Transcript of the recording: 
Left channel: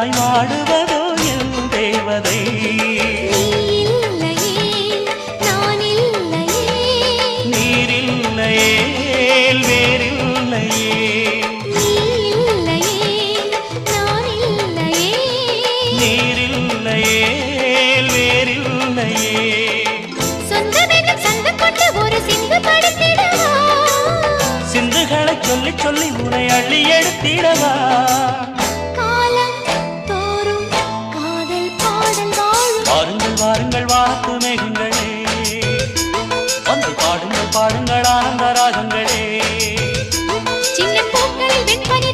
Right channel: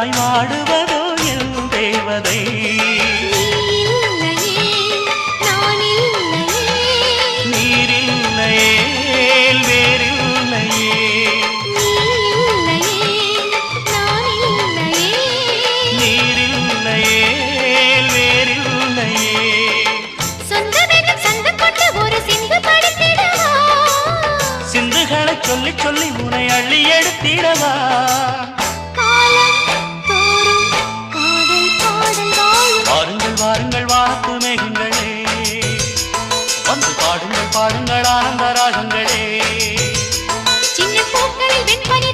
எனக்காய் வாடுவதோ என் தேவதை. நீரில்லையே வேறில்லையே, நீரில்லையே வேறில்லையே. சிந்துகளை சொல்லி சொல்லி உனை அள்ளி எடுத்திடவா. வாருங்கள் வாருங்கள் வாத்து மேகங்களே, வந்து பாடுங்கள் பாடுங்கள் ஆனந்த ராகங்களே. சின்ன பூக்களில் வெண்பனி